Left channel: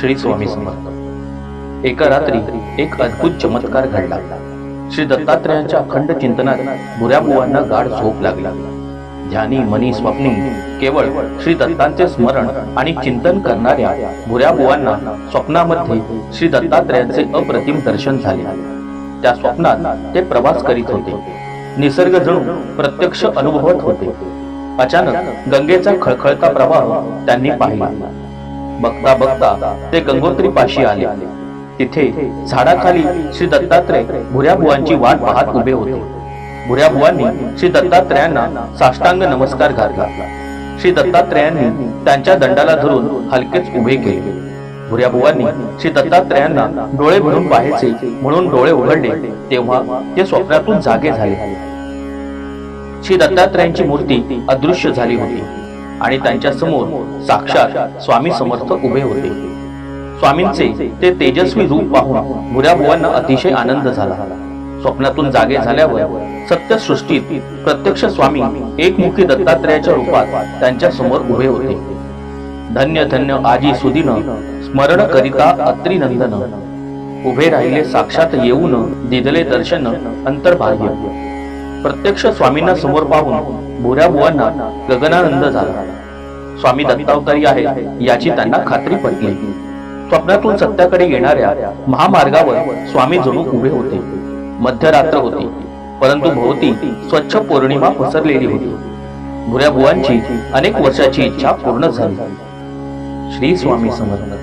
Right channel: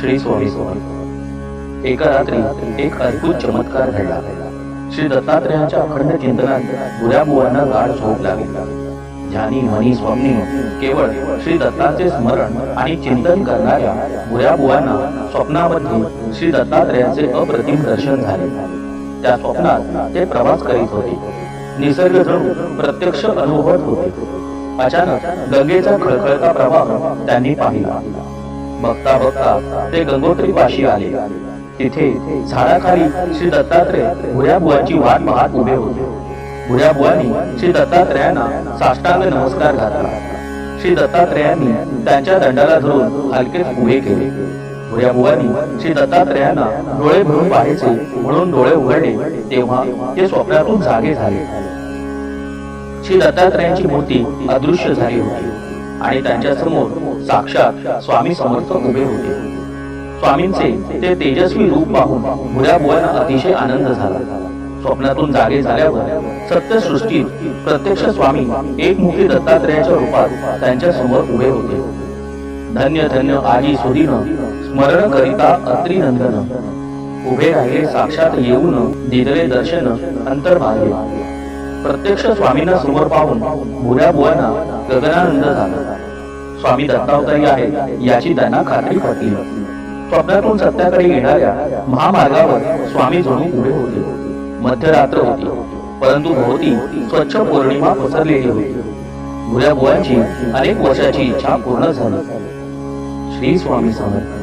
श्री स्वामी समर्थ. एका रात्री एक अद्भुत चमत्कार घडला. श्री दत्तात्रयांच्या अखंड चिंतनात बुऱ्या बुवांना गाढ झोप लागली. ध्यानी मनी स्वप्नी केवळ श्री दत्तांचे स्मरण आणि चिंतन करणाऱ्या बुऱ्या बुवांना स्वप्नामध्ये श्री दत्तात्रयांचे अप्रतिम दर्शन झाले. त्या स्वप्नात ते प्रवास करीत होते. निसर्ग जणू प्रत्यक्ष अनुभवत होते. अचानक गंगेचा खळखळता प्रवाह त्यांनी पाहिला. बघता बघता ते गंगोत्री पाशी आले. तिथे झाडाखाली श्री दत्तात्रय भुऱ्या बुवांची वाट पाहत उभे होते. भुऱ्या बुवांनी श्री दत्तात्रयांना साष्टांग नमस्कार घातला. श्री दत्तात्रयांनी त्यांच्या दंडाला धरून हलकेच उभे केले. भुऱ्या बुवांनी श्री दत्तात्रयांना डोळे भरून पाहायचे म्हणून डोळे उघडले तेव्हा ते स्वप्नातून जागे झाले. श्री दत्तात्रयांची मूर्ती अदृश्य झाली होती आणि त्यांच्यासमोर साक्षात स्वामी समर्थ उभे होते. स्वामींचे ते तेजस्वी रूप पाहून भुऱ्याबुवांना अतिशय आनंद झाला. स्वप्नातून जागे झाल्यावर सत्यसृष्टीत प्रत्यक्ष स्वामी एकमुखी दत्तात्रयाच्या रूपात त्यांच्यासमोर उभे होते. धन्य धन्य आजी सुदिन स्मरण करिता अत्रिनंदन. उभे राहिले साक्षात येऊन दिदले दर्शन अंतर्बाह्य. प्रत्यक्ष स्वामींना समोर पाहून भुऱ्याबुवांना गगनानंद झाला. स्वामी दत्तावतारी आहेत याची त्यांना खात्री पटली. स्वप्नातून सत्याकडे येणाऱ्या महामार्गावर स्वामी जणू उभे होते. मध्यरात्र होती परंतु भोवती स्वच्छ पौर्णिमा पसरलेली होती. भुऱ्या बुवांची अनेक वर्षाची इच्छा पूर्ण झाली. श्री स्वामी समर्थ.